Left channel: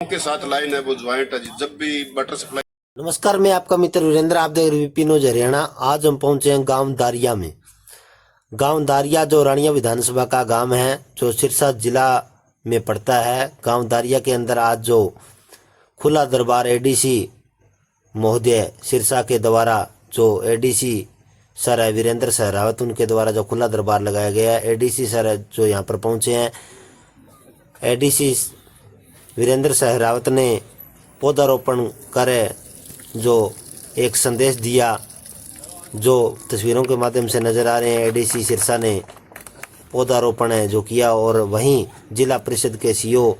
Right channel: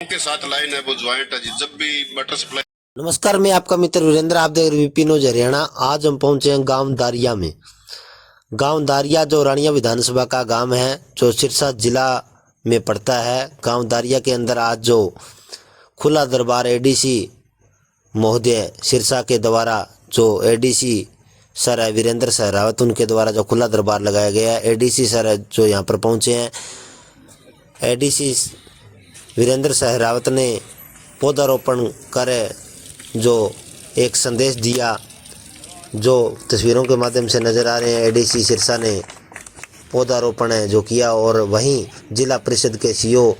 के साथ लाइन है वो ज्वाइंट है जी। जब भी वाटर सप्लाई। नमस्कार, मैं आपका मित्र वीरेंद्र, आप देख रहे वीपी न्यूज हरियाणा। आज हम पहुंचे हैं गांव दारिया में। गांव दारिया जो रानिया विधानसभा का गांव है, जो सिरसा जिला में पड़ता है। गांव दारिया के अंदर आज जो खुला दरबार एडीसी महोदय सिरसा के द्वारा, जो एडीसी सर है वीरेंद्र सहरावत, उनके द्वारा जो खुला दरबार लगाया गया है। एडीसी सर जो यहाँ पर पहुंचे हैं, एडीसी वीरेंद्र सहरावत ने पौधारोपण कर जो एक संदेश दिया, जो तस्वीरों के माध्यम से नज़र आ रहे हैं। एडीसी सिरसा ने पौधारोपण है जो किया, और वहीं जिला परिषद के सीओ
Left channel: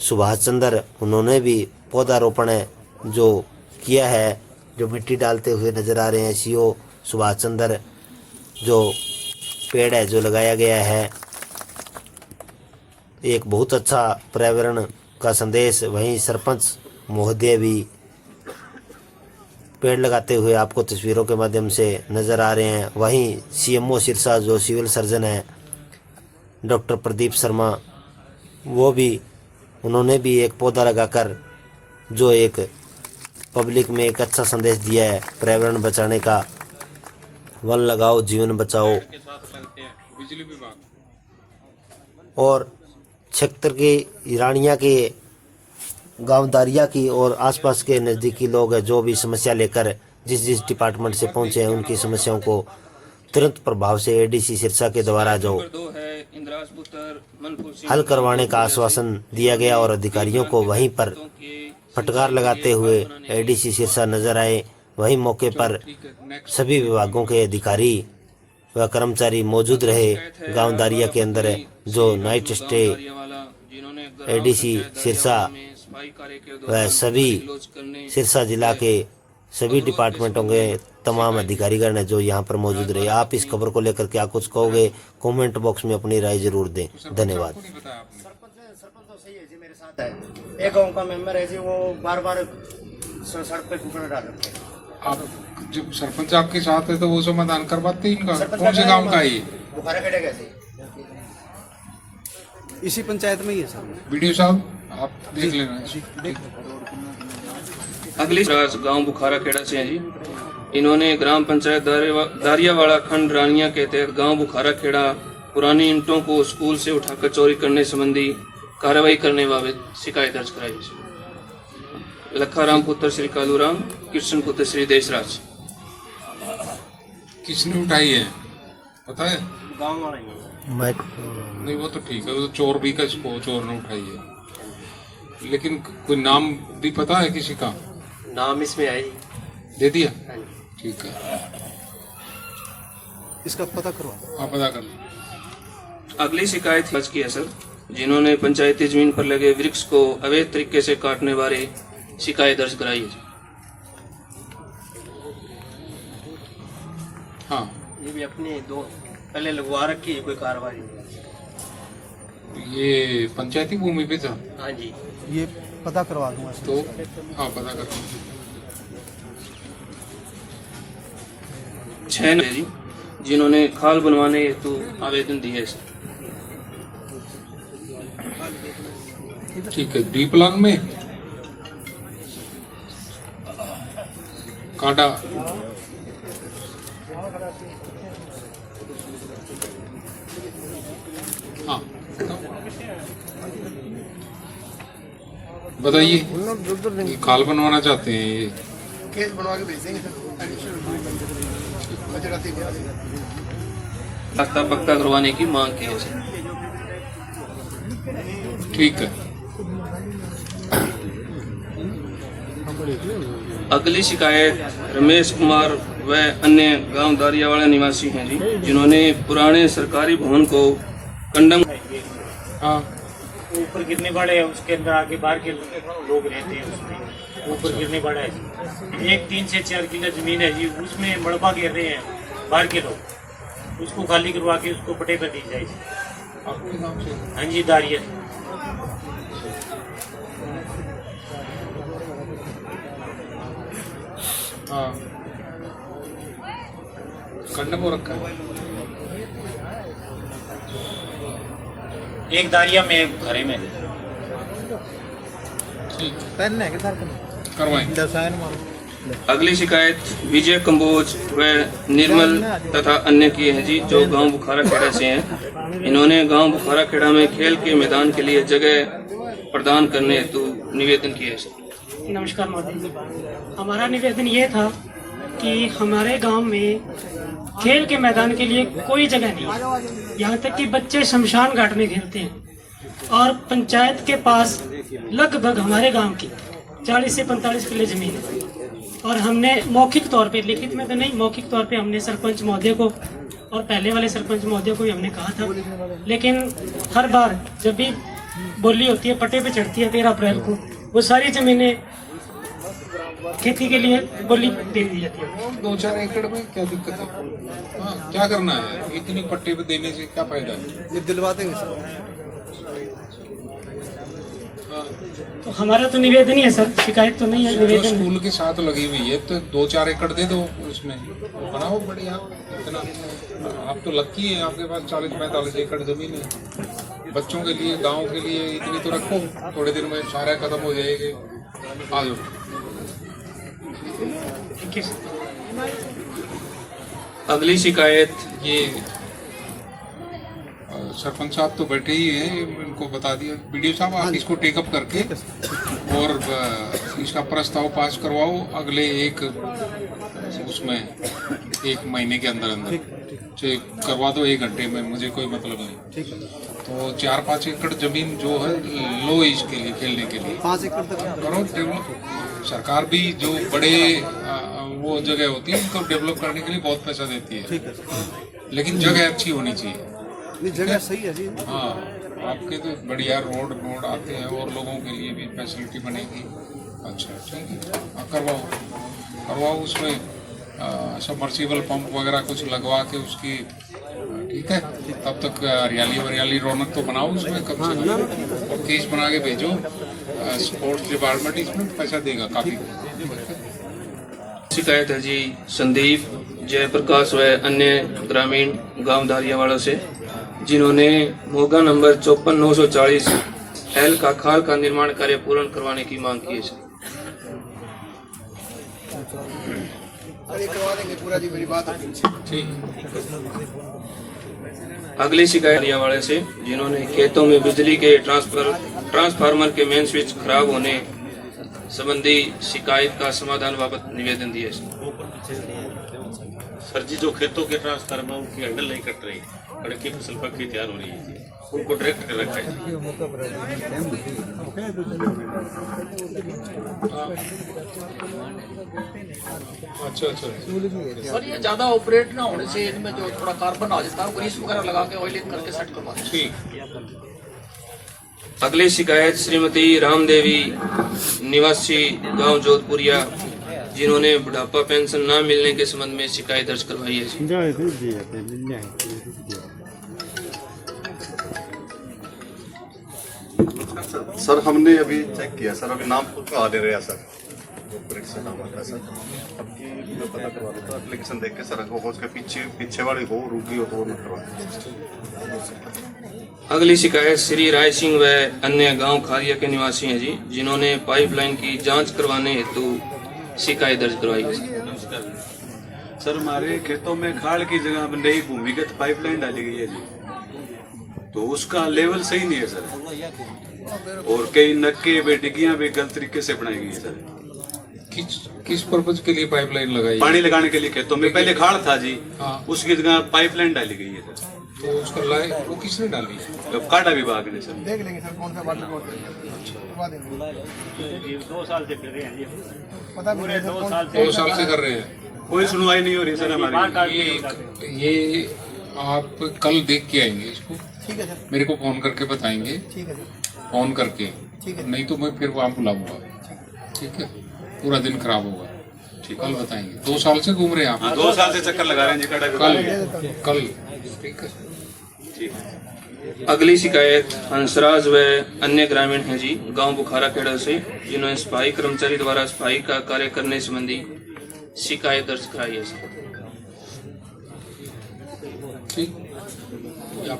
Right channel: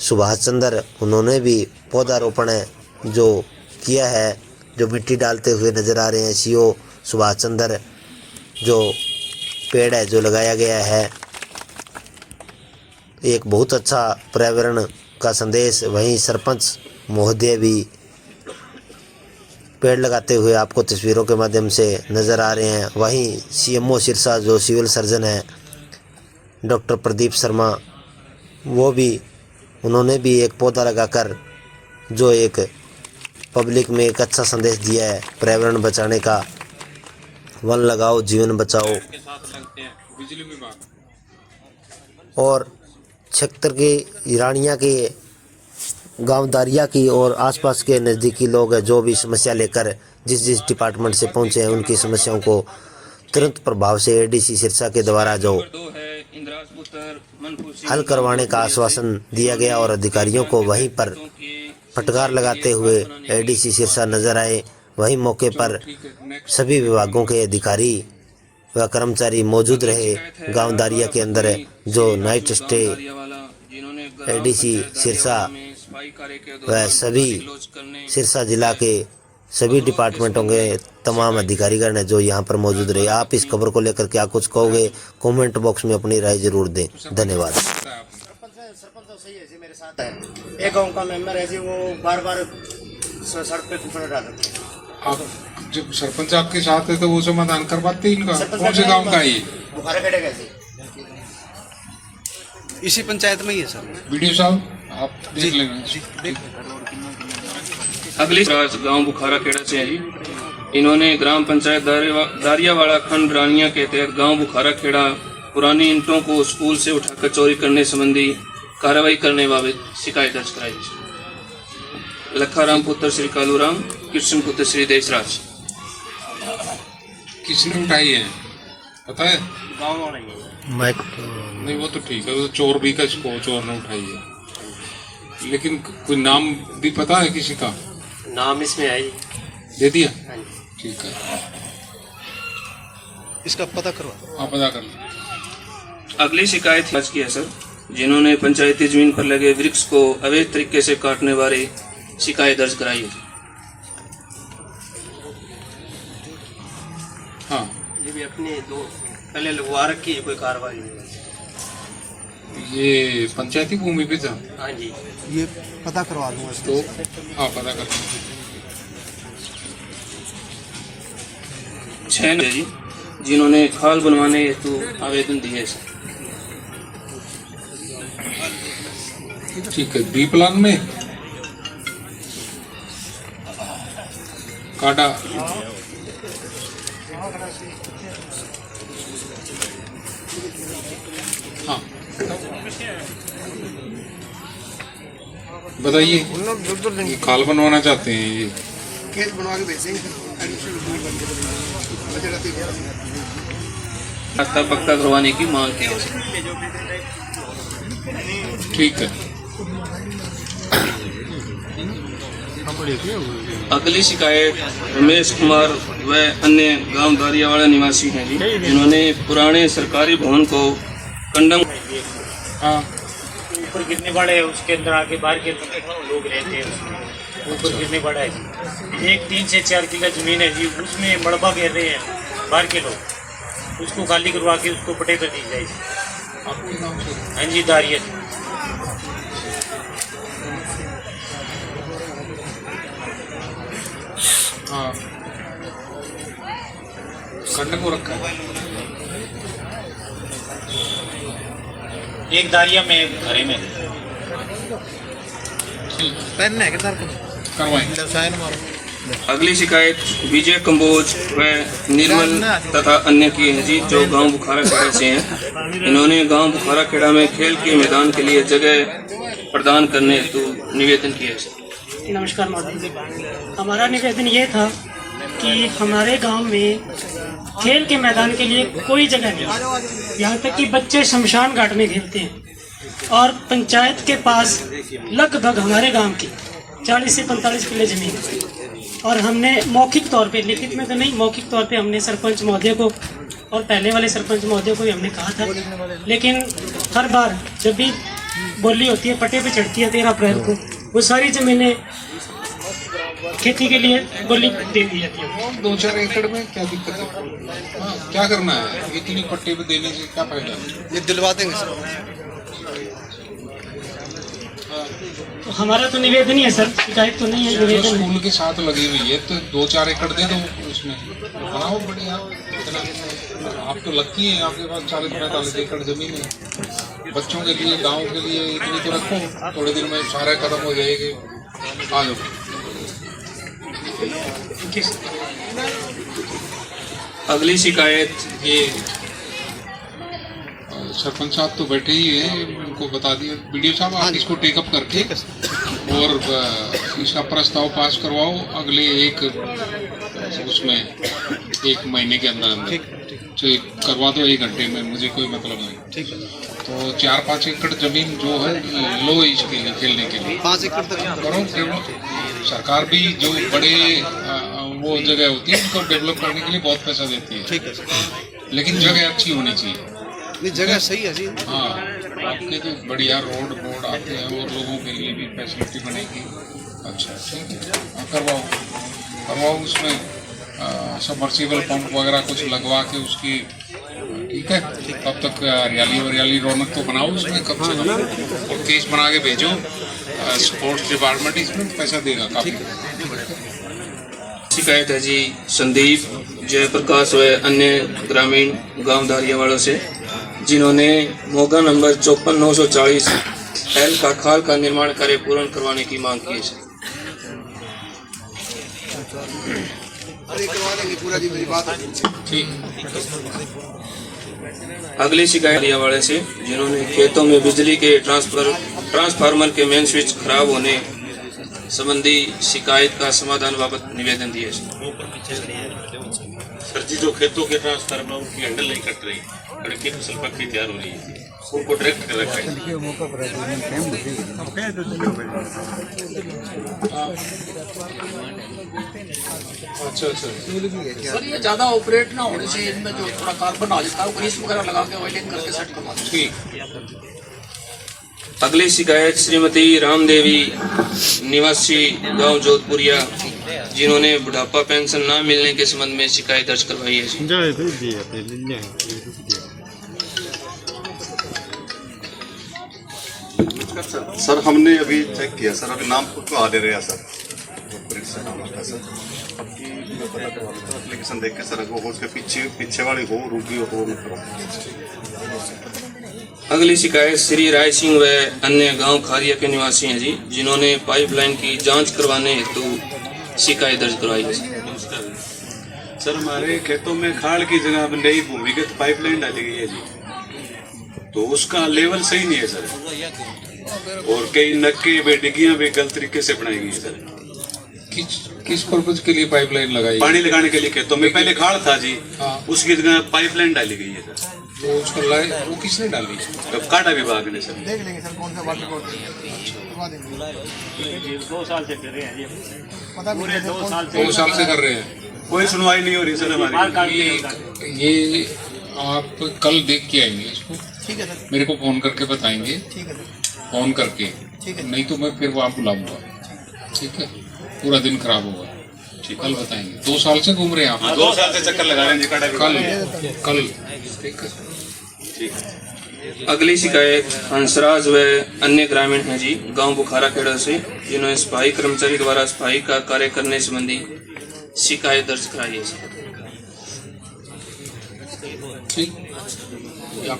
सुभाष चंद्र, उन्होंने भी पौधारोपण है जो किया है, जो मिट्टी डालते हुए नज़र आ रहे हैं। सीओ सुभाष चंद्र, जो पेड़ है जो लगाया गया है, एक बहुत अच्छा पर्यावरण का संदेश। वहीं सरपंच महोदय भी पेड़ लगाते हुए आपको तस्वीरों के माध्यम से नज़र आ रहे हैं। वहीं सीएमओ सिरसा जो सिविल सर्जन है डॉक्टर प्रदीप शर्मा, वो भी, उन्होंने भी एक पौधा लगाकर जो एक पब्लिक में एक अच्छा संदेश दिया है पर्यावरण बचाने का। वन लगाओ जीवन बचाओ। और क्षेत्र की रानिया के गांव दारिया की और आसपास के नज़दीकी लोग हैं, जो भी समस्या लेकर जिस डिपार्टमेंट से पहुंचे हैं, उनकी समस्याओं को तुरंत प्रभाव से एडीसी सिरसा के द्वारा जो हल करवाने का आश्वासन दिया गया, और अधिकारियों को वहीं पर फटकार लगाते हुए एडीसी सिरसा नजर आए। वहीं मौके पर सभी विभागों के अधिकारी व कर्मचारी मौजूद रहे। गांव दारिया के अंदर जो नाइट स्टे एडीसी सिरसा व सभी सिरसा जिला के सभी डिपार्टमेंटों के तमाम अधिकारीगण हैं जो यहाँ पर मौजूद रहे। आप इस खबर को लेकर क्या कुछ कहोगे, कमेंट बॉक्स में अपनी राय जरूर दें। धन्यवाद। सरपंच तो सही है जी, मेरे साथ है। एक गांव का मेंबर है जी, वो बार बार सड़क पे टुकड़े डाल रखे हैं। आप जब सरपंच आपके साथ है तो वो समाधान करवाते हैं इनका। कौन से गांव का है ये? बुखारा कटेगा जी, इसी पंचायत में ही है सर। वीडियो साहब आप देख लेना। अगली गांव बुखारा खेड़ा से है जी। इन्होंने ग्राम पंचायत दारियावाड़ा खंड रानिया के तहत गांव बुखारा खेड़ा पुरानी ईंटों को स्कूल से उठाकर चोरी करने संबंधी कार्रवाई करने बाबत शिकायत दर्ज कराई। लखाराम पुत्र श्री कालूराम, कृष्ण पुत्र श्री देशराज। किसने उठाई है पता है? गाँव वाला ही है। नहीं वो तो ठीक है, वो तो चोर भी का चोर ने उठाई है, लेकिन कोई नाम भी पता है किसी का? नाम इसमें है जी, दे दिया, ठीक है, इसका पता करो। आप पता कर लो। अगली शिकायत आज की है सर, जिन्होंने पंचायती जमीन पर लगे वृक्ष को अवैध तरीके से काटने बारे शिकायत दर्ज कराई है। हाँ, ये भी अपने दो पहले लगवा रखी है, कोई कार्रवाई नहीं। ये पंचायती भूमि पे था। हाँ जी, ये पता करवा दूंगा तो हाँ पता कर। 6 जी जिन्होंने खाल बनवाने हेतु आवेदन दिए सर। ठीक है, बी प्लान में काटा। हाँ बताइए, ये खाल बनवाना चाहते हैं, ये केस बनवा के भेजेंगे। रास्ता पक्का करवाने की मांग की है सर। ठीक है। अगली शिकायत रमेश कुमार व अन्य गांव दारियावाड़ा निवासी हैं जी, जिन्होंने पुराने सरकारी भवन को कंडम। हाँ, ऊपर कितने बड़े है, उसके अंदर आके बाहर के लोग रहते हैं, उसमें ऊपर कितने बड़े है जी। एक 3 से 4 किला जमीन है जी, उसमें मड़बा घेर रहे हैं बाहर के लोग, उसको खाली करवा के उसको पटे कर दी जाए। हाँ जी, दारिया। हाँ, कंडम को रखा है। एक दारिया में एक घरे में। पेन है किधर करवाएं। अगली शिकायत विजय कंबोज व निर्मल तथा अन्य की है जी, जो गांव बुखारा खेड़ा से हैं। इन्होंने गांव बुखारा खेड़ा में खेल के मैदान के लिए जगह प्रदान करने हेतु निवेदन किया है सर। नमस्कार महोदय, हमारा निवेदन ये था कि हमारे गांव में खेल के मैदान के लिए कोई जगह नहीं, यहाँ तक कि बच्चे शमशान घाट में खेलते हैं और पंचायत के पास लगभग हमारे गांव की 40 से 45 किलो जमीन है। और हमने मौखिक तौर पे, लिखित में तो नहीं, मौखिक तौर पे हमने सरपंच महोदय को और पहले वाले सरपंच महोदय को भी हमने कहा था, लेकिन हर बार जब भी बोली होती है, पट्टे पे चढ़ती है 13 अप्रैल को, वो सारी जमीनें खेती के लिए बोली दे दी जाती है। 2-4 एकड़ में क्या दिक्कत है? हाँ, क्या करना है? इतनी पट्टे पे देने से क्या फायदा है? ये दिलवा देंगे सर। तो हमारा तो निवेदन ही है सर, शिकायत तो नहीं है, निवेदन है। स्कूल के साथ लगी हुई है तो 2-4 एकड़ दे दो, उसमें बनाओ बढ़िया। इतना आप तो लगती है, आपके पास 40-45 एकड़ जमीन है। बच्चों के लिए, गांव के लिए इतनी तो रखो, थोड़े दिन में सारा खत्म हो जाएगी। आ जाओ। अगली शिकायत ये सरपंच साहब तो बैठे ही हैं, उनको बता दिया। वीडियो साहब आप इसको टेकअप करके और इसका प्रस्ताव पास करवाओ अगले एक महीने के अंदर करवा दो, 1 घंटे में, मुझे कोई मतलब नहीं। ठीक है। तो 4-5 एकड़ जमीन जो है लो इसके लिए, खेलने के लिए 5 एकड़ तक करो। सरकार भी जो बड़े वो जगह होती है उनको डेवलप करने के लिए बहुत पैसा देती है। ठीक है, लेकिन जगह अच्छी होनी चाहिए। नहीं जगह सही है जी। हाँ, आपके तो बढ़िया रोड बोर्ड आते हैं और लोगों के लिए भी फैसिलिटी बनेगी। अच्छा, ठीक है, हाँ, करवाओ उसमें सबमर्सिबल पंप वगैरह कुछ लगवा के उसकी, ठीक है। तब तक हरियाली रौनक तो बनाओ उसमें, कब से कम केस बना के भेजो। स्पोर्ट्स डिपार्टमेंट इसमें पैसा देगा काफी। शिकायत है जी संदीप, जयप्रकाश व अन्य ग्रामीण गांव दारियावाड़ा से, जिन्होंने मोगा नंबर 54,940 एल का खाल का निर्माण कार्य पूर्ण करवाने की मांग की है। अरे करवा देंगे पूरा जी, मेरी बात ठीक। अगली शिकायत दारियावाड़ा से, जिन्होंने खेतों में बिजली के ट्रांसफार्मर के मेन स्विच खराब होने संबंधी शिकायत का समाधान बाबत निवेदन दिए। सर जी, जो खेतों के ट्रांसफार्मर उनकी हैंडल नहीं कट रही, लड़की फसल पक्की तैयार हो रही है, उनको डायरेक्ट कर रखा है। अच्छा, सर ये ज्यादा ऑपरेट ना होने से इनमें जो थोड़ा कार्बन आ जाता है, ग्रीस वगैरह लगा के ऑयलिंग करके सेट करवा दो। ठीक। अगली शिकायत श्रीमती रामदेवी, निवासी गांव जोधपुरिया, जिन्होंने बुढ़ापा पेंशन न मिलने के संबंध में शिकायत दर्ज करवाई है। सर हमने अभी चेक किया सर, अभी नाम खुद को आ दे रहे हैं सर, अब की मैं पता करवा लेता हूँ एप्लीकेशन देख के सर, वो उसके पीछे वाली हो रुकी हो तो वो नहीं करवा। अगली शिकायत श्री राय सिंह व अन्य गांव खारिया के निवासी हैं जी, जिन्होंने पाइपलाइन की जांच करवाने हेतु शिकायत दर्ज करवाई है। सर हमारे खेतों में खाड़ की जगह में नई भूमिगत पाइपलाइन डाली गई है जी, तो उसका लेवल सही नहीं है सर, और कई नक्के में डिग्गियां भी गलत तरीके से बनाई गई है सर। किस पर्पज के लिए पाइपलाइन लगाई? पानी लगाने के लिए खेतों में पहले खाड़ था जी, हाँ। उसकी जगह पाइपलाइन डाली गई है सर। तो उसको वो किसने डाली? काटा विभाग ने सर। देख लेंगे सर कौन सा वाटर बोर्ड करवा देंगे। 2 साल से कर रहे हैं ये, पता भी नहीं सर 2 साल से कर रहे हैं, कोई सुनवाई नहीं हो रही सर हमारी। ये आप कल देख के आएंगे इसको, ठीक है सर, मेरे को फोन करके बताएंगे। ठीक है सर, फोन करके, ठीक है। नहीं तो मैं फिर वहाँ बुलाऊंगा, ठीक है। पूरा दिन खराब होगा, ठीक, कल बताएंगे। 2 साल से घूम रहे हैं आप? 2 साल से चक्कर लगा रहे हैं जी, काटा कल, ठीक है। अगली शिकायत हंसराज व अन्य ग्रामीण हैं जी, गांव बुखारा खेड़ा से, जिन्होंने सफाई कर्मचारी द्वारा सफाई का कार्य करने संबंधी शिकायत दर्ज कराई है। ठीक, हाँ।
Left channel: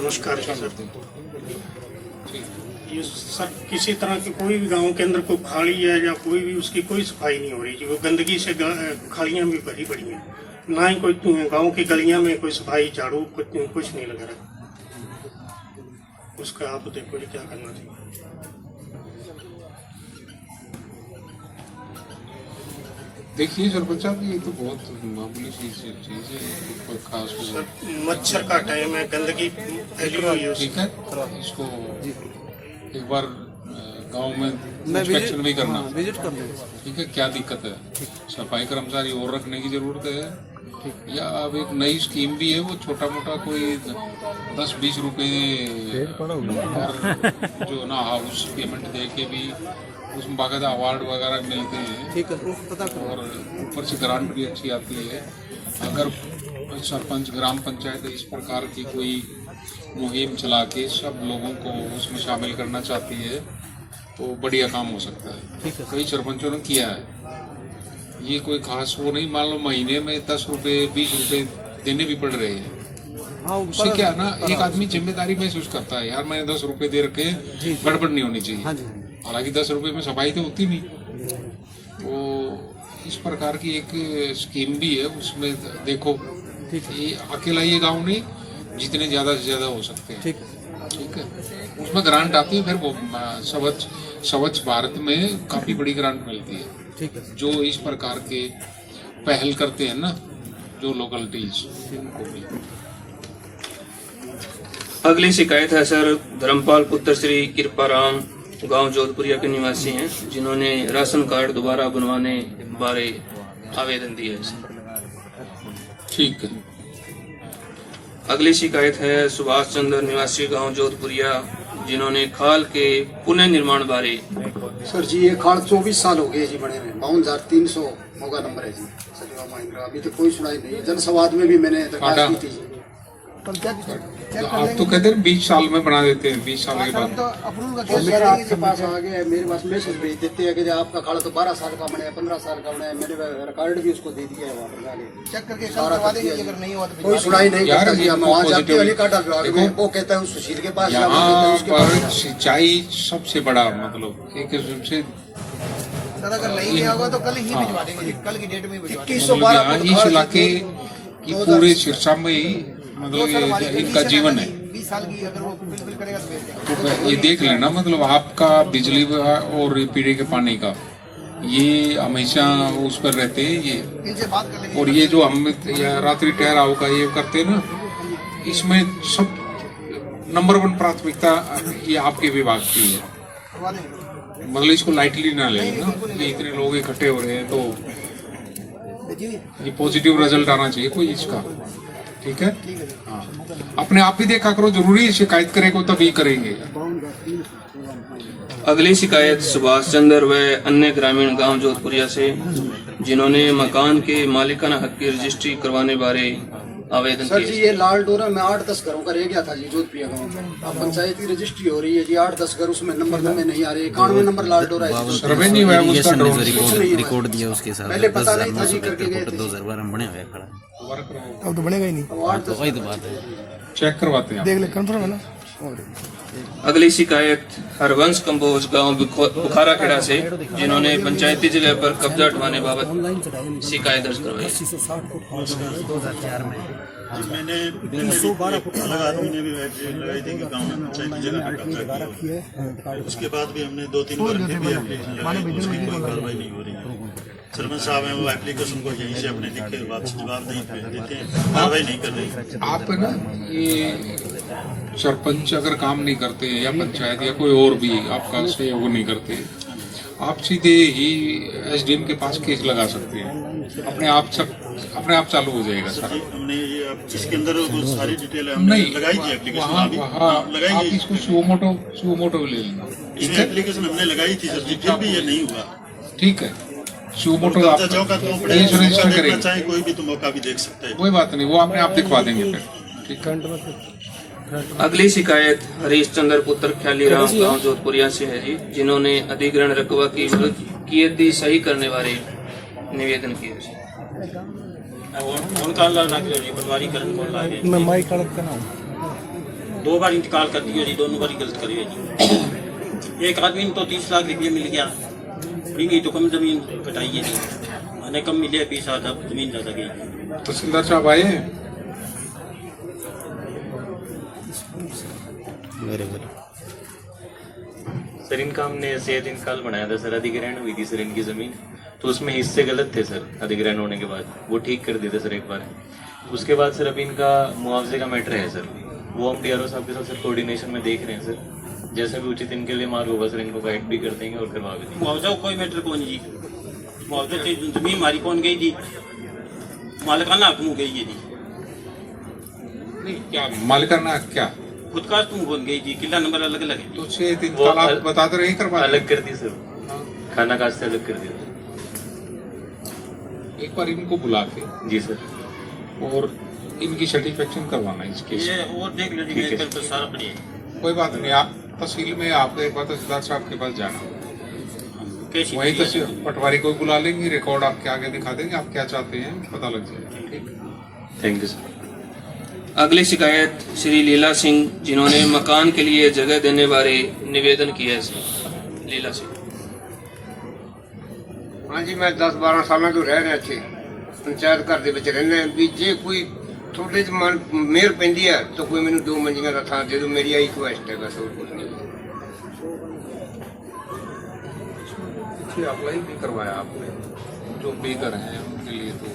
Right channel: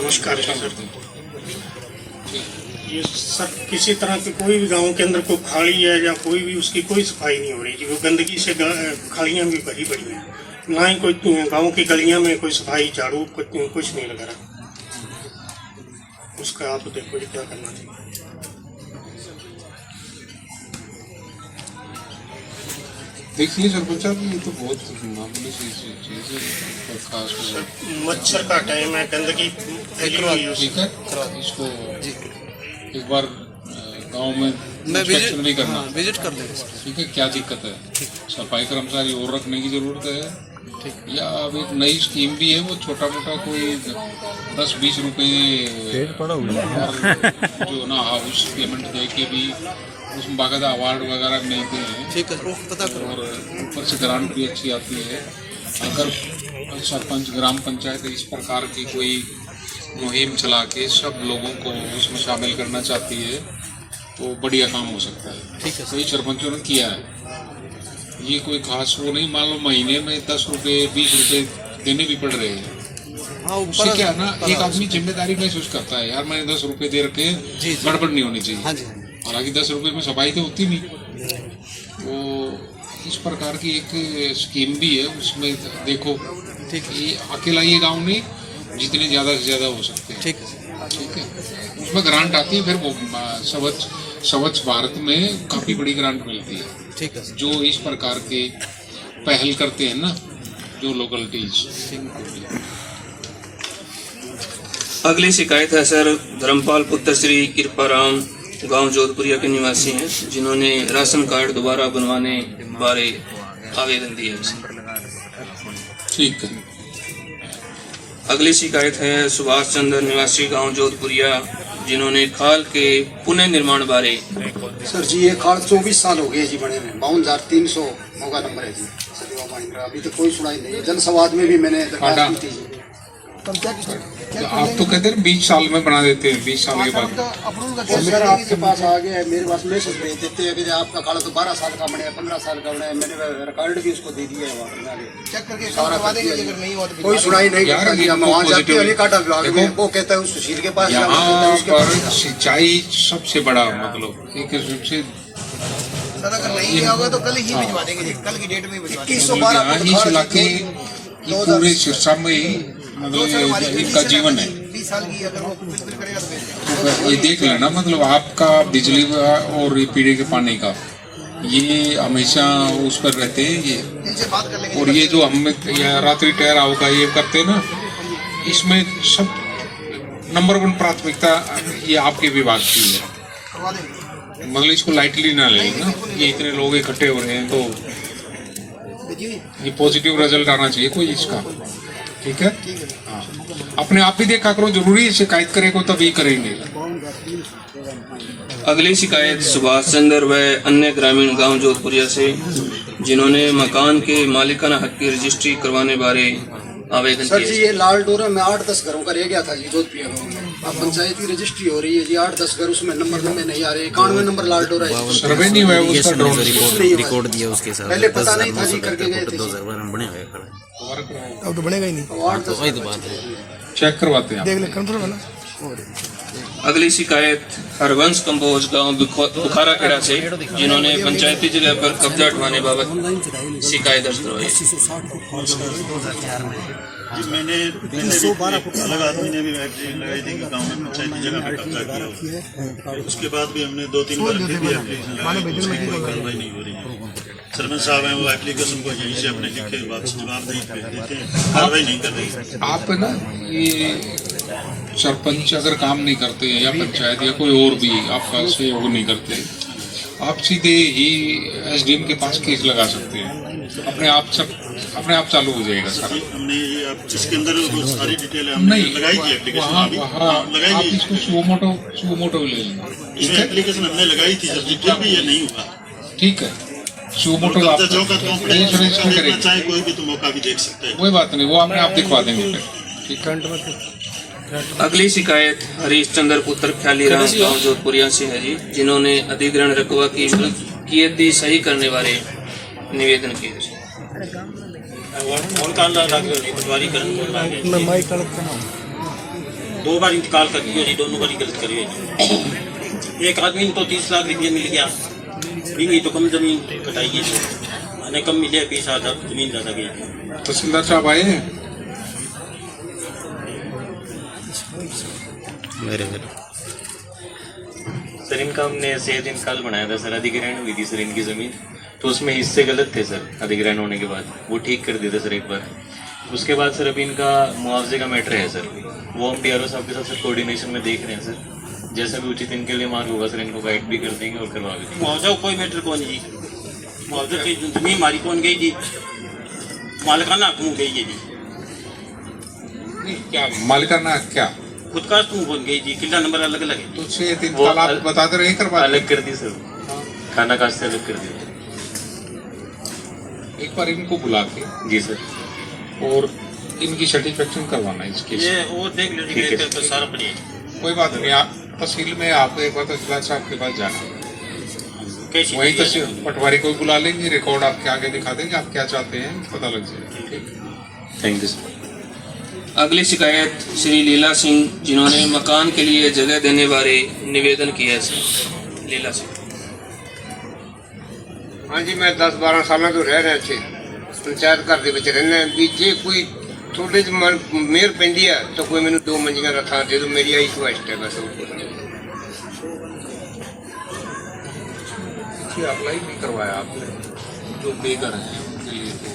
नमस्कार ये सब किसी तरह के कोई भी गांव के अंदर कोई खाली है या कोई भी उसकी कोई सफाई नहीं हो रही जी। वो गंदगी से खालियां भी भरी पड़ी हैं, ना ही कोई गांव की गलियां में कोई सफाई झाड़ू कुछ नहीं लगा रहा। उसका आप देखो क्या करना चाहिए। देखिए सरपंच साहब, ये तो बहुत मामूली चीज है, खास मच्छर का टाइम है, गंदगी फैली हुई है। ठीक है, इसको एक बार गांव में इंस्पेक्शन भी करना, विजिट कर लेंगे। ठीक है, क्या दिक्कत है, सफाई कर्मचारी और रखने की जरूरत है, या अब एक नई स्कीम भी है, वो छोटा मोटा कोई 10-20 रुपए और जो ना हाउस पेमेंट दे के भी उसमें बाकायदा अवार्ड वगैरह मिलते हैं। ठीक है, पता करो। और ऊपर से ग्रांट भी अच्छी आती है। अगर सरपंच ग्राम पंचायत इस प्रकार की कोई मुहिम चला के सब लोगों को उसमें शामिल करना चाहती है तो बढ़िया काम हो सकता है। ठीक है, कई सरपंचों ने किया है, ये कोई खास वो नहीं। मान लो महीने में 10 रुपये 20 रुपये देने भी पड़ रहे हैं। उससे क्या ना, एक आदमी जिम्मेदारी महसूस करता है, यार मैंने 10 रुपये दे रखे, गड़बड़ नहीं होनी चाहिए। हालांकि 10 रुपये में सफाई तो होती नहीं। तो इस प्रकार की एक स्कीम भी है, उसमें देखो, ठीक है, ये अकेला ये गांव नहीं, जितने ज़्यादा से ज़्यादा हो सकते हैं। ठीक है, उसमें ग्रांट आती है, फिर वो स्वच्छ भारत में काफ़ी बड़ी ग्रांट मिलती है। ठीक है, जो इस प्रकार के पहल करते हैं ना, जो लोकलिटीज। अगली शिकायत है सर धर्मपाल पुत्र श्री कृपाराम, गांव जोधपुरिया के निवासी हैं, जिन्होंने राशन कार्ड दोबारा बनवाने बारे आवेदन दिया है। ठीक है। अगली शिकायत है सुभाष चंद्र निवासी गांव जोधपुरिया, जिन्होंने खाल के पुनः निर्माण बारे। सर जी, ये खाल 24 साल हो गए जी बने हुए, 52,300 होगा नंबर है जी। सदैवा महिंद्रा, अभी तक कोई सुनाई नहीं। जनसंवाद में भी मैंने दरखास्त की थी जी। आप तो कहते हैं 20 साल में बना देते हैं, 20 साल के बाद। सर आपके पास आ गया, मेरे पास मैसेज भेज देते हैं कि आपका खाल तो 12 साल का बने, 15 साल का बने। मैंने रिकॉर्ड भी उसको दे दिया है, वहाँ चेक करके करवा देंगे। अगर नहीं हुआ तो कोई सुनाई नहीं करता जी। हम वहाँ जाते हैं काटा विभाग में, वो कहता है उस सुशील के पास। यहाँ पर सिंचाई सबसे बड़ा मतलब एक से सर, अगर नहीं होगा तो कल ही भिजवा देंगे, कल की डेट में भिजवा देंगे। इस इलाके की पूरे सिरसा में ही मतलब इनका जीवन है। 20 साल की अगर वो बिल्कुल करेगा तो ये देख लेना, मतलब आपका बिजली और पीने के पानी का ये हमेशा उस पर रहते हैं ये। और ये जो हम रात्रि ठहराव का ये करते हैं ना, इसमें सब नंबर 1 प्राथमिकता ये आपके विभाग की है। मतलब इसको लाइटली ना ले ना, ये इतने लोग इकट्ठे हो रहे हैं तो ये पॉजिटिव रिजल्ट आना चाहिए कोई इसका। ठीक है, हाँ, अपने आप ही देखा करो, जरूरी है शिकायत करेंगे तभी करेंगे। अगली शिकायत सुभाष चंद्र व अन्य ग्रामीण गांव जोधपुरिया से, जिन्होंने मकान के मालिकाना हक की रजिस्ट्री करवाने बारे आवेदन सर किया। जी, ये लाल डोरा में 8-10 घरों का रह गया था जी जोधपुरिया गाँव में। अब पंचायत की रजिस्ट्री हो रही है जी, 8-10 घर उसमें नंबर नहीं आ रहे। 91 नंबर लाल डोरा है। सर्वे नहीं हुआ उसका, रिकॉर्ड दिया उसके साथ। पहले पता नहीं था जी, करके गए थे। 2000 में बने हुए खड़ा, अब तो बनेगा ही नहीं। वही तो बात है, चेक करवाते हैं, देख ले, कंफर्म है ना। अगली शिकायत हरवंश कंबोज गांव बुखारा खेड़ा से, जिन्होंने पंचायती जगह पर कब्जा हटवाने बाबत शिकायत दर्ज करवाई। मैंने 312 अलग आदमी ने भी लगाई थी कि गांव में पंचायती जगह पे कब्जा किया। उसके बाद भी हमने 2-3 बार फिर भी कार्रवाई नहीं हो रही है। सरपंच साहब हैं, वो एप्लीकेशन को यहीं से अपने लिखे वापस जवाब नहीं भेज देते हैं, कार्रवाई नहीं कर रही। आप ना ये सरपंच अगर काम नहीं करते या पंचायत या कोई और भी आपका सहयोग नहीं करते, आप सीधे ही SDM के पास केस लगा सकते हैं, अपने आप चालू हो जाएगा सर। हमने ये अब इसके अंदर सारी डिटेल हमने लगाई थी एप्लीकेशन। आप इसको सुमोटो ले लेना। इसमें एप्लीकेशन हमने लगाई थी सर, डिटेल भी ये नहीं हुआ। ठीक है, सुमोटो आप रजिस्ट्रेशन करेंगे, चाहे कोई भी तो मौका भी देख सकते हैं। कोई बात नहीं, वो अपने आप दिखवा देंगे फिर। ठीक है। अगली शिकायत हरीश चंद्र पुत्र ख्यालीराम गांव जोधपुरिया से है जी, जिन्होंने अधिग्रहण रकबा की कियती सही करने बारे निवेदन किए। दो बार इंतकाल कर दिया जी, दोनों बार गलत करिए जी। एक आदमी तो 30 लाख रुपये मिल गया, नहीं तो कम जमीन कटाई है, मैंने कम मिले 20,000 जमीन ज़्यादा गई। तहसीलदार साहब आए हैं? सर इनका हमने सेहत इंतकाल बनाया था सर, अधिग्रहण हुई थी सर इनकी ज़मीन, तो उसमें हिस्से गलत थे सर। अधिग्रहण होने के बाद वो ठीक कर दिया था सर एक बार। उसके बाद सर अभी इनका मुआवजे का मैटर है सर, वो हम PRO साहब के साथ सर कोऑर्डिनेशन में देख रहे हैं सर। जैसा भी उचित इनके लिए मार्ग होगा सर, इनको गाइड भी कर देंगे और करवा भी देंगे। मुआवजा कोई मैटर कौन जी, मुआवजा की जमीन हमारी कौन गई जी, मालिकाना हक में गई है जी। क्या मालिकाना क्या खुद का तुम कौन गई जी, किला नंबर अलग अलग है। तो सेहत इंतकाल आप बताते रहे करवा अलग कर दी सर, खाना काश से अलग कर दिया। एक बार इनको बुला के जी सर, और इनकी सेटिस्फेक्शन करवाना है इसके ये और देख लो जी, तो सारा बढ़िया। कोई बात नहीं, आप तहसील में आपको एक बार तहसीलदार साहब के पास जाना, वही तहसील पटवारी को बुला लेंगे, रिकॉर्ड आपके आगे दिखा देंगे, आप क्या चाहते हैं पता लग जाएगा। Thank you sir. अगली शिकायत श्री लीला सिंह, जिन्होंने मकान के लिए जगह देने बारे निवेदन किया है सर। लीला सिंह। हाँ जी, मैं 10-12 साल तो रह रहे थे पंचायत घर ਦੇ ਵਿੱਚ ਰਹਿੰਦੇ ਵੀ ਜੇ ਕੋਈ ਥੋੜੇ ਜਿਹੀ ਮਨ ਮੇਰ ਪੈਂਦੀ ਹੈ ਤਾਂ ਕੋਈ ਮੈਨੂੰ 2 ਮੰਜੀਆਂ ਦਾ ਥਾਂ ਦੇ ਦਿਓ, ਮੇਰੀ ਆਈ ਖੁਆਇਸ਼ ਹੈ ਬਸ। अप्लाई भी करवाया आपने, जो बेघर हैं उनके लिए तो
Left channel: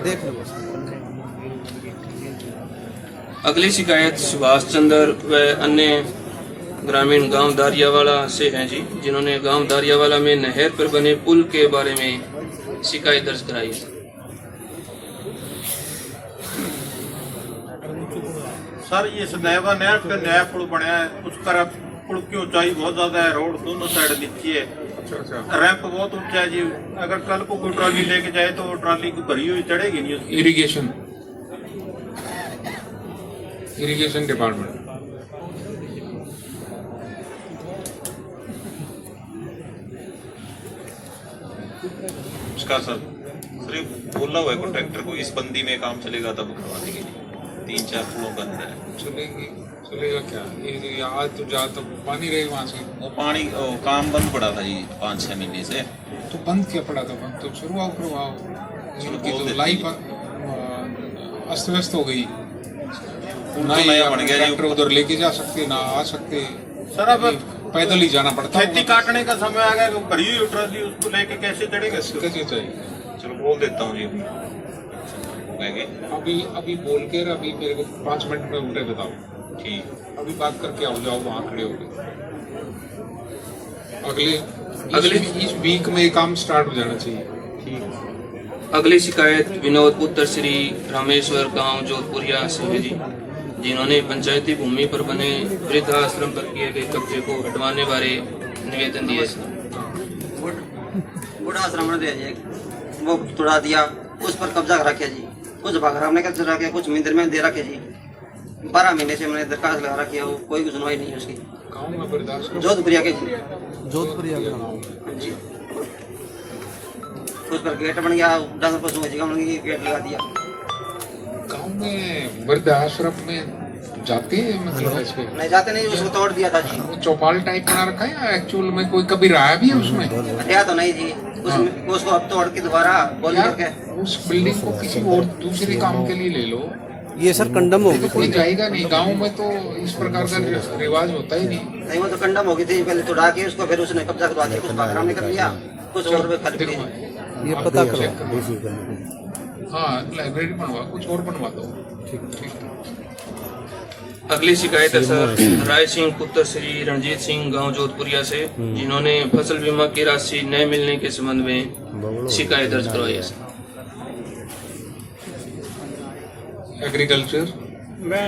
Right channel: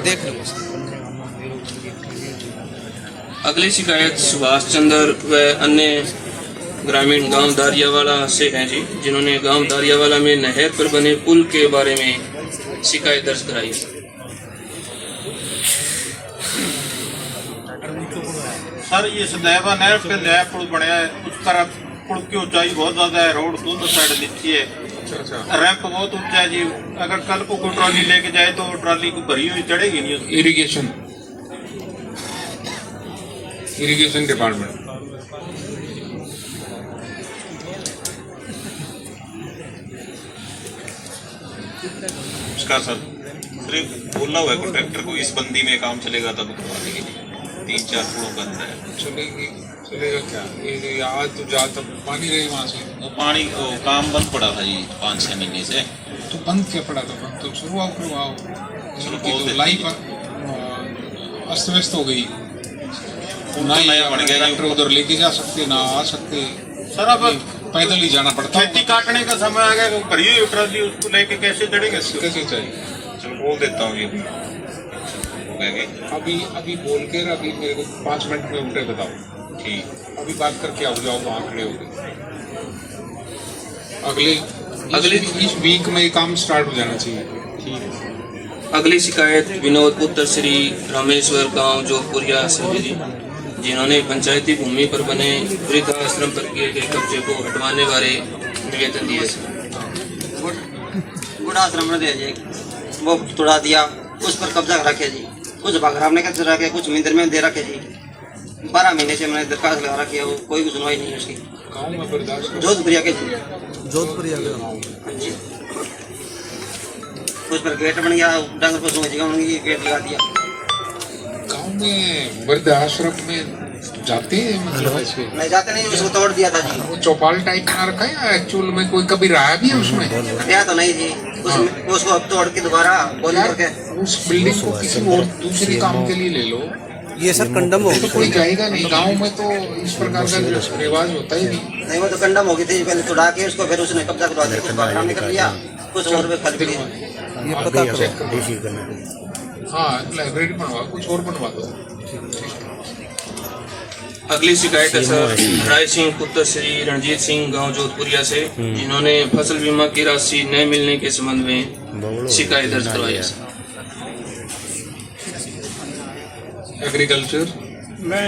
देख लो। अगली शिकायत सुभाष चंद्र व अन्य ग्रामीण गांव दारियावाला से हैं जी, जिन्होंने गांव दारियावाला में नहर पर बने पुल के बारे में शिकायत दर्ज कराई है। सर ये सदैवा नहर पे नया पुल बनाया है, उसका पुल की ऊंचाई बहुत ज्यादा है, रोड दोनों साइड नीचे है, रैंप बहुत ऊंचा है जी। अगर कल को कोई ट्रॉली लेके जाए तो ट्रॉली को भरी हुई चढ़ेगी नहीं। इरिगेशन डिपार्टमेंट उसका सर बोलना हुआ कॉन्ट्रैक्टर को, इस बंदी में काम चलेगा तब करवाने के लिए 3-4 पुलों का अंदर है। चलेगा क्या? ये आज तो ज़्यादा पानी रहे वहाँ से, वो पानी काम बंद पड़ा था जी 5-6 महीने से। तो बंद क्या पड़ा था? बंद तो शुरुआत करवाओ, तो लाइफ अस्त व्यस्त हो गई ना, ट्रैक्टर उधर लेके जा सकते ना आ सकते सर। अब पैदल ही जाना पड़ता, खेती काटने का समय आ गया, भरी हुई ट्रॉली उसको लेके कैसे चढ़ेंगे? कैसे चाहिए? चलो बोल देता हूँ जी, अभी बोल के अभी मेरे को 5 मिनट में उठे बताओ। ठीक, अभी बात करके आओ, जाओ वहाँ खड़े हो गए। अगले इस वीक में काम स्टार्ट हो जाना चाहिए। ठीक। अगली शिकायत विनोद पुत्र श्री रामेश्वर गांव जोधपुरिया से है जी, जिन्होंने पंचायती भूमि पर बने वृद्धाश्रम पर किए गए कब्जे को हटवाने बारे निवेदन दिए। वृद्धाश्रम ने वो तोड़ा दिया, उस पर कब्जा रखे जी, कुछ भागराम ने कब्जा रखे, कुछ मिंदर में दे रखे जी। 12 महीने से मैंने दरखास्त लगा रखी है, वो कोई भी सुनवाई नहीं है उसकी। जोधपुरिया के जी, जोधपुरिया जी, उस पर गेट बन गया, डंगर पशुओं की जगह बन गई, गेट लगा दिया। गाँव में वृद्धाश्रम में जाते हैं? नहीं जाते नहीं, उसको तोड़ दिया था जी। वो चौपाल टाइप बना रखा है एक्चुअल में, कोई कभी रहा भी है उसमें? देखा तो नहीं जी, उसको अब तोड़ के दोबारा बोल करके उस बिल्डिंग को किसी और दूसरे काम के लिए ले लो। ये सर कंडम हो तो कोई जाएगा नहीं, गांव में तो इस प्रकार का रिवाज होता ही नहीं। नहीं, वो तो कंडम हो गई थी, पहले तोड़ा के उसको फिर उसने कब्जा करवा दिया, उसको कर लिया, कुछ और रुपए खाली पड़ी। ये पता देसी करना। हाँ, लाइब्रेरी बनवा, कुछ और बनवा दो। अगली शिकायत है सर राय सिंह पुत्र श्री रणजीत सिंह गांव जोधपुरिया से, जिन्होंने फसल बीमा की राशि न मिलने के संबंध में शिकायत दर्ज करवाई है। एग्रीकल्चर मैं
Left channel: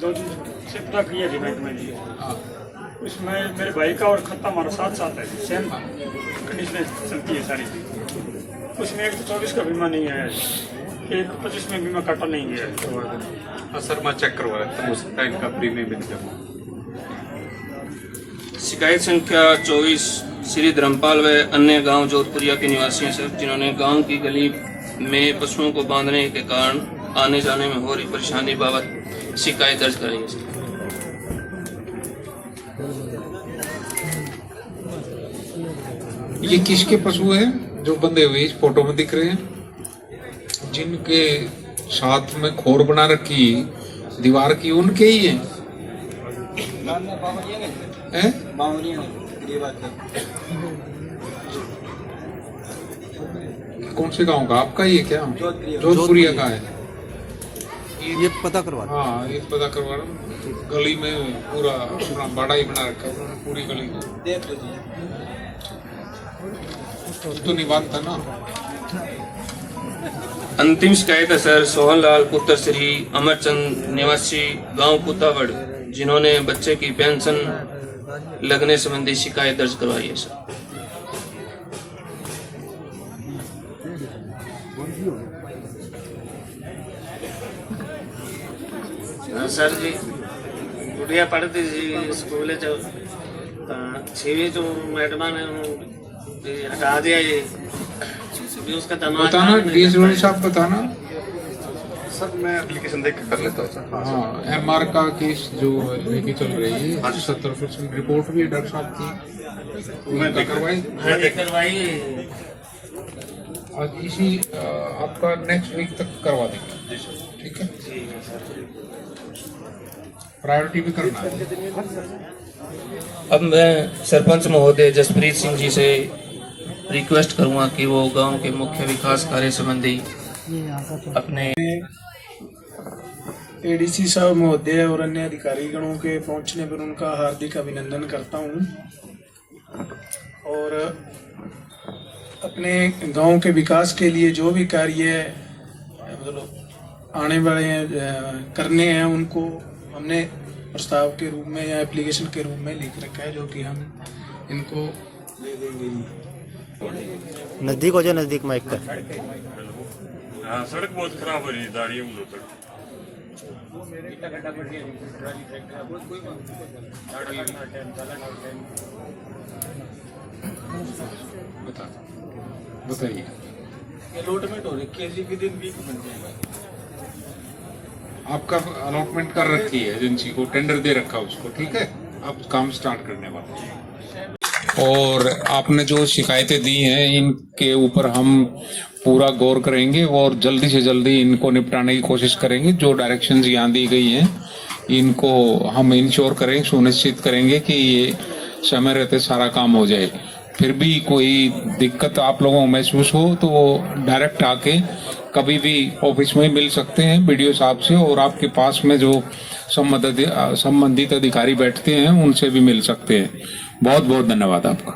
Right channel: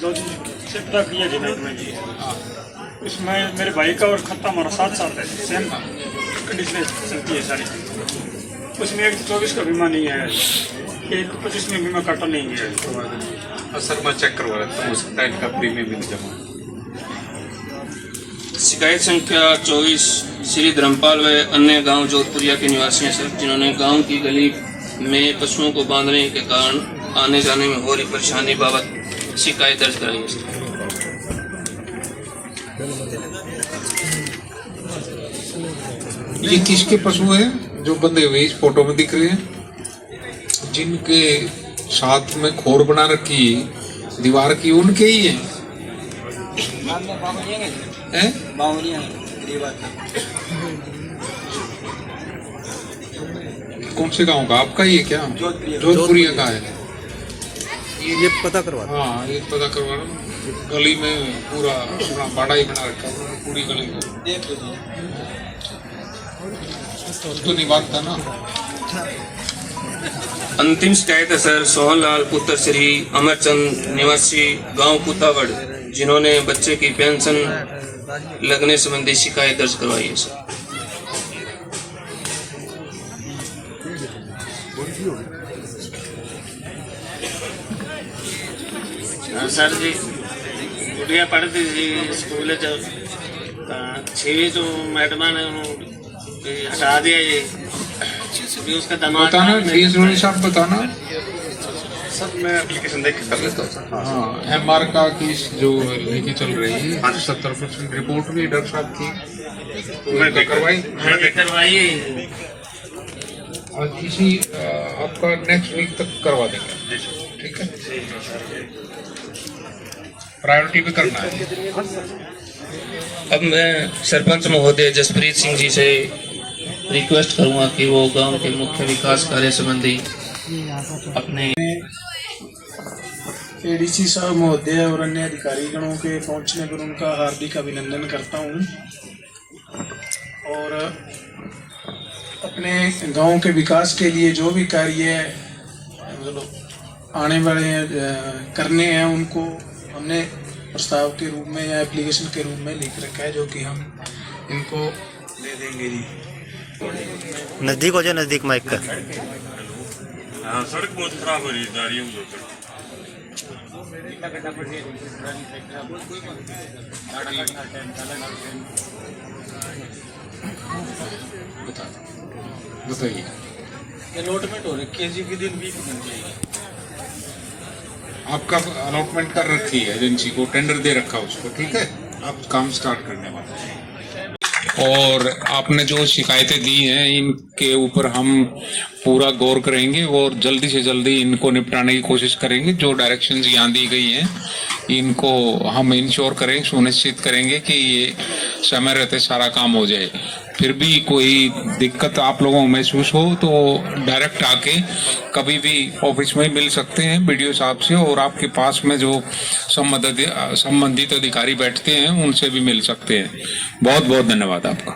2 दिन से पता किया जी, इसमें मेरे भाई का और खत्ता हमारा 7 साल है सेम का। कंडीशनें चलती है सारी, उसमें 124 का बीमा नहीं है, 125 में बीमा काटा नहीं गया है। सर मैं चेक करवा रहा हूँ, उसका इनका प्रीमियम भी जमा। शिकायत संख्या 24 श्री धर्मपाल व अन्य गांव जोधपुरिया के निवासी हैं सर, जिन्होंने गांव की गली में पशुओं को बांधने के कारण आने जाने में हो रही परेशानी बाबत शिकायत दर्ज कराई है सर। ये किसके पशु हैं जो बंधे हुए इस फोटो में दिख रहे हैं, जिनके साथ में खोर बना रखी दीवार की, उनके ही हैं? कौन से गांव का आपका ये क्या? जोधपुरिया का है ये पता करवा। हाँ ये पता करवा रहा हूँ। गली में पूरा बाड़ा ही बना रखा है पूरी गली में, तो नहीं बात था ना। अंतिम शिकायत है सर सोहनलाल पुत्र श्री अमरचंद निवासी गांव कुतावड़, जिन्होंने बच्चे की पेंशन लगने संबंधी शिकायत दर्ज करवाई है सर। सर जी गुड़िया पढ़ती थी स्कूल 6वीं तो मैडम ने हटा दिया ये भी, उसका बताना डीएसओ साहब बताना। सर मैं एप्लीकेशन देख कर लेता हूँ। हाँ एमआर का केस जो लेके चल रही है 70% रिपोर्ट भी डॉक्टर साहब की मैं करवाई और इसी आपका नेक्स्ट वीक तक करवा देंगे, ठीक है? प्रायोरिटी भी करना है। अब मैं सरपंच महोदय जसप्रीत सिंह जी से रिक्वेस्ट करूंगा कि वो गांव के मुख्य विकास कार्य संबंधी अपने एडीसी साहब महोदय और अन्य अधिकारीगणों के पहुंचने पर उनका हार्दिक अभिनंदन करता हूं, और अपने गांव के विकास के लिए जो भी कार्य आने वाले करने हैं उनको हमने प्रस्ताव के रूप में या एप्लीकेशन के रूप में लिख रखा है, जो कि हम इनको दे देंगे जी। नजदीक हो जाए, नजदीक माइक का। हाँ सड़क बहुत खराब हो रही है, दारियों में बताइए। अलॉटमेंट हो रखी है जी, कि दिन भी बन जाएगी। आपका अलॉटमेंट कर रखी है एजेंसी को, टेंडर दे रखा उसको, ठीक है? आप काम स्टार्ट करने वाले हैं। और आपने जो शिकायतें दी हैं इनके ऊपर हम पूरा गौर करेंगे और जल्दी से जल्दी इनको निपटाने की कोशिश करेंगे। जो डायरेक्शंस यहाँ दी गई हैं इनको हम इंश्योर करेंगे, सुनिश्चित करेंगे कि ये समय रहते सारा काम हो जाए। फिर भी कोई दिक्कत आप लोगों को महसूस हो तो डायरेक्ट आके कभी भी ऑफिस में मिल सकते हैं बीडीओ साहब से, और आपके पास में जो संबंधित अधिकारी बैठते हैं उनसे भी मिल सकते हैं। बहुत बहुत धन्यवाद आपका।